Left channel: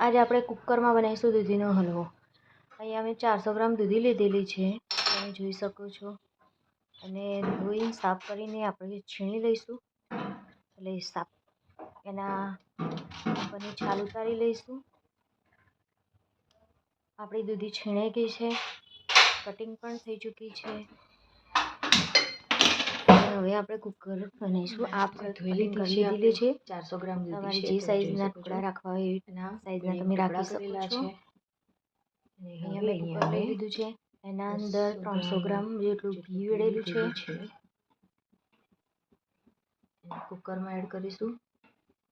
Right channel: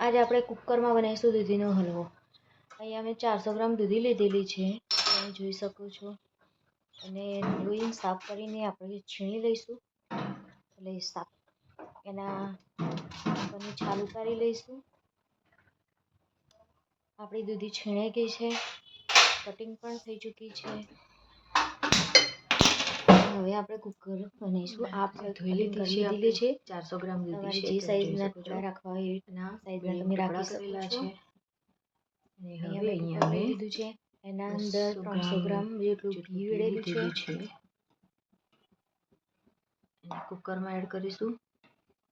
આજે આપણે કુકરમાં બનાવીશું દૂધીનો હલવો. અહીંયા મેં 400 ગ્રામ દૂધી લીધેલી છે, તમે જોઈ શકો છો. અને ધોઈને સાફ કરીને આપણે છીણી લઈશું. એટલે સાફ એના ઉપરની છાલ ઉતારી લઈશું. આપણી દૂધી છીણાઈ ગઈ છે, કટિંગ પણ થઈ ચૂકી છે. હવે આપણે કુકર બનાવીશું. આપણે ધોઈ લીધેલી છે 400 ગ્રામ દૂધી છે. જે સાઈઝના ટુકડા રાખવા હોય એના સાઈઝના તમે રાખી શકો છો. અને હવે અહીંયા મેં લીધું છે, એના અંદર 300 ગ્રામ જેટલું ઘી વેડેલું છે. અને કુકરમાં એડ કરીશું.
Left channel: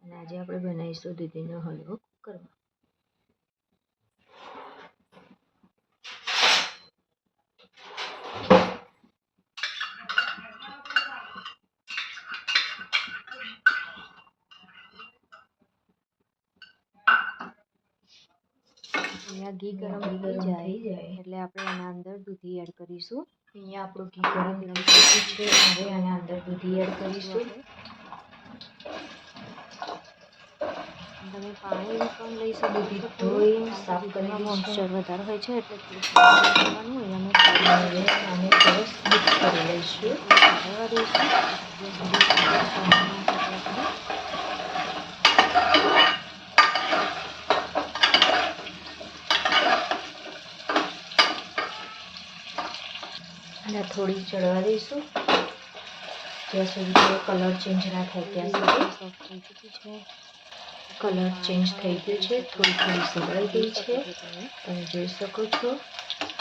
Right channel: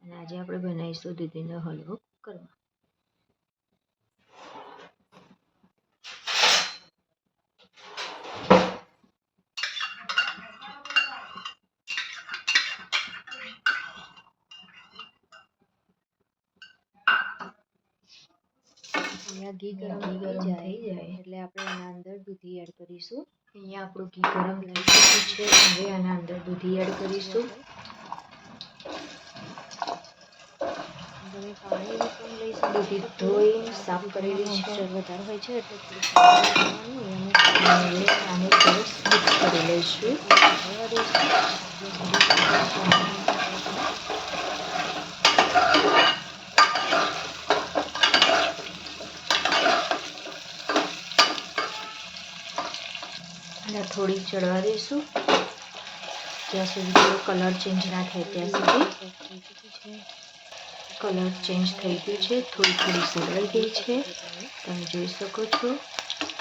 અને આજે આપણે બનાવીશું દૂધીનો હલવો કુકરમાં. અહીંયા ઘી ગરમ થઈ જાય એટલે આપણે એના અંદર દૂધી એડ કરીશું. અહીંયા આપણું ઘી ગરમ થઈ ચૂક્યું છે. હવે એના અંદર દૂધી એડ કરીશું. તમે પાણી પણ લઈશું. દૂધી ધોઈ સાફ કરેલી મોઇસ્ચર વધારે હોય છે એટલે થોડું પાણી લેવાનું. અહીંયા મેં આને સરસ મિક્સ કરી લઈશું. હળવા દઈશું અને થોડી ચડવા દઈશું જ્યાં સુધી કલર ચેન્જ ના થાય ત્યાં સુધી. થઈ ચૂકી છે, કલર ચેન્જ થઈ ગયો છે, થોડી થોડી સળવાઈ ગઈ છે, તમે જોઈ શકો છો.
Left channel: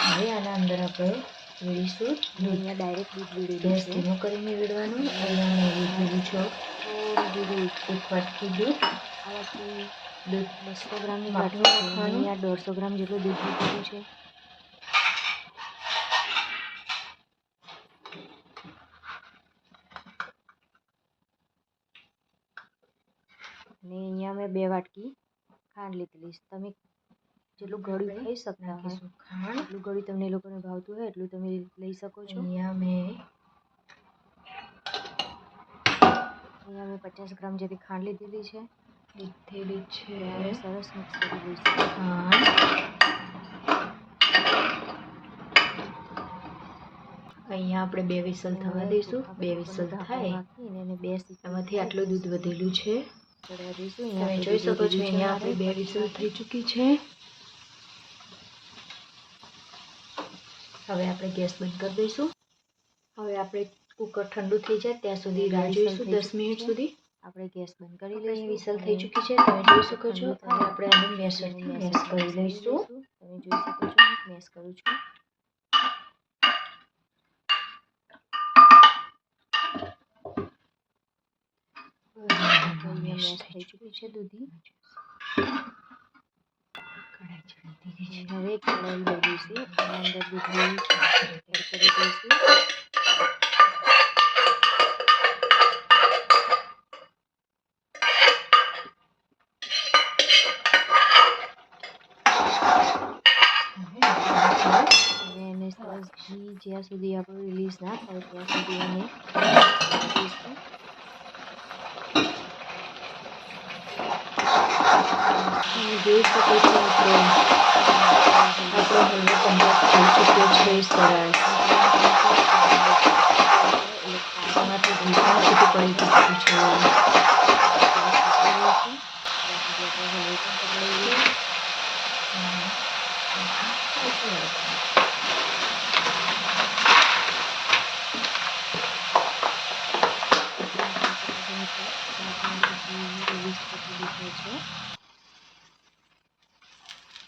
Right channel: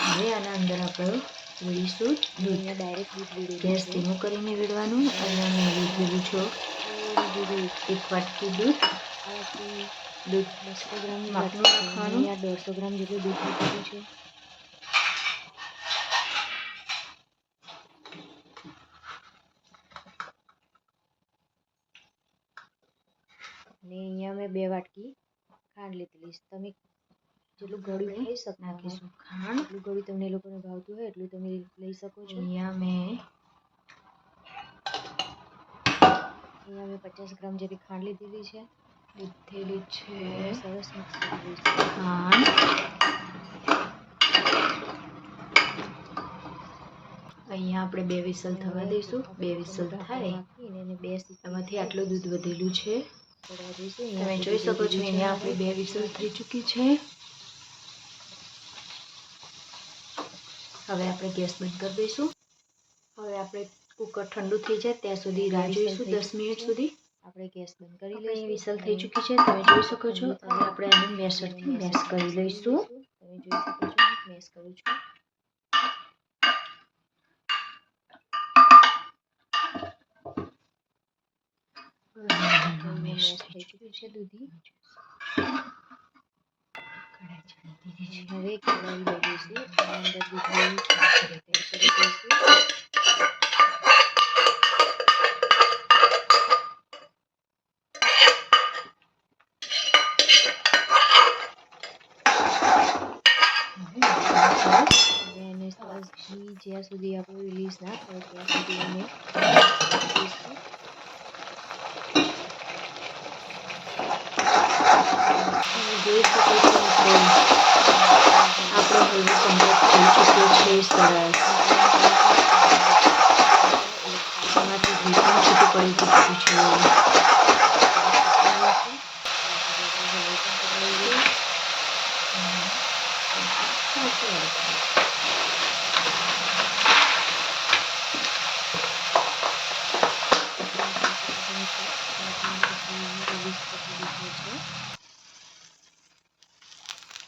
હવે આના અંદર આપણે વેડીશું દૂધ. અહીંયા ડાયરેક્ટ દૂધ વેડી ગેસ ધીમો કરીને વેડવાનું. અહીંયા મેં લીધેલું છે એક વાટકી દૂધ. આ વાટકી દૂધ 200 ગ્રામની વાટકી નાખવાનું. અહીંયા 150 ગ્રામ જેટલું દૂધ લીધેલું છે. અને અહીંયા મેં 2 વાટકી ખાંડ લીધેલી છે. તમે જેટલું ગળ્યું ખાઈ શકતા હોય ખાંડ, એટલું ગળ્યું તમને એ લોકોને ભાવતું હોય એટલું તમે લઈ શકો છો. અહીંયા મેં 50 ગ્રામ જેટલી ખાંડ લીધેલી છે. સરસ મિક્સ કરી દઈશું ખાંડ. અહીંયા આપણે 2 વિસલ થવા દઈશું. 2 વિસલ થાય એમાંથી આટલું દૂધ વધેલું છે, તમે જોઈ શકો છો. અહીંયા આપણી 2 વિસલ થઈ ચૂકી છે. હવે આપણે ગેસ બંધ કરી દઈશું. હવે આપણે કુકર ઠંડુ થઈ જાય ત્યાં સુધી રાહ જોઈશું. 10 મિનિટ સુધી આપણે ગેસ બંધ કરી લઈશું. વિસલ થઈ ચૂકી છે, તમે જોઈ શકો છો. હવે આપણે આને મેશરથી મેશ કરી લઈશું. તમે જોઈ શકો છો, મેશ કરું છું. મેશ થઈ ચૂક્યું છે દૂધી. હવે કઢાઈ લઈ દઈશું. એના અંદર દૂધી એડ કરી દઈશું. હવે એને સરસ ઘી જ્યાં સુધી આપણું રિલીઝ ના થાય ત્યાં સુધી એને દઈશું. જોઈ શકો છો આપણો હલવો કમ્પ્લીટ થઈ ચૂક્યો છે. સરસ એમાંથી ઘી પણ છૂટું પડી ચૂક્યું છે.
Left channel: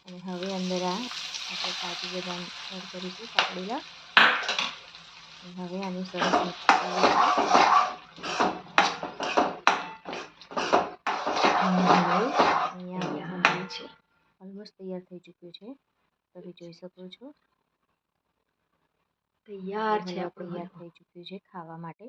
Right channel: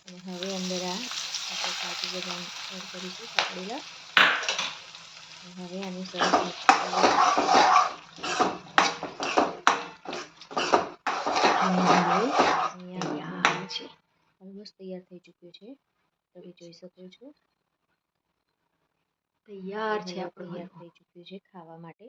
અને હવે અંદર આપણે કાજુ બદામ એડ કરીશું કાપડેલા. હવે આની સરસ મિક્સ કરી લઈશું. અને હવે અહીંયા ઓલમોસ્ટ તૈયાર થઈ ચૂક્યું છે, તમે જોઈ શકો છો. તૈયાર છે, તૈયાર થઈ ચૂક્યું છે ખાવા માટે.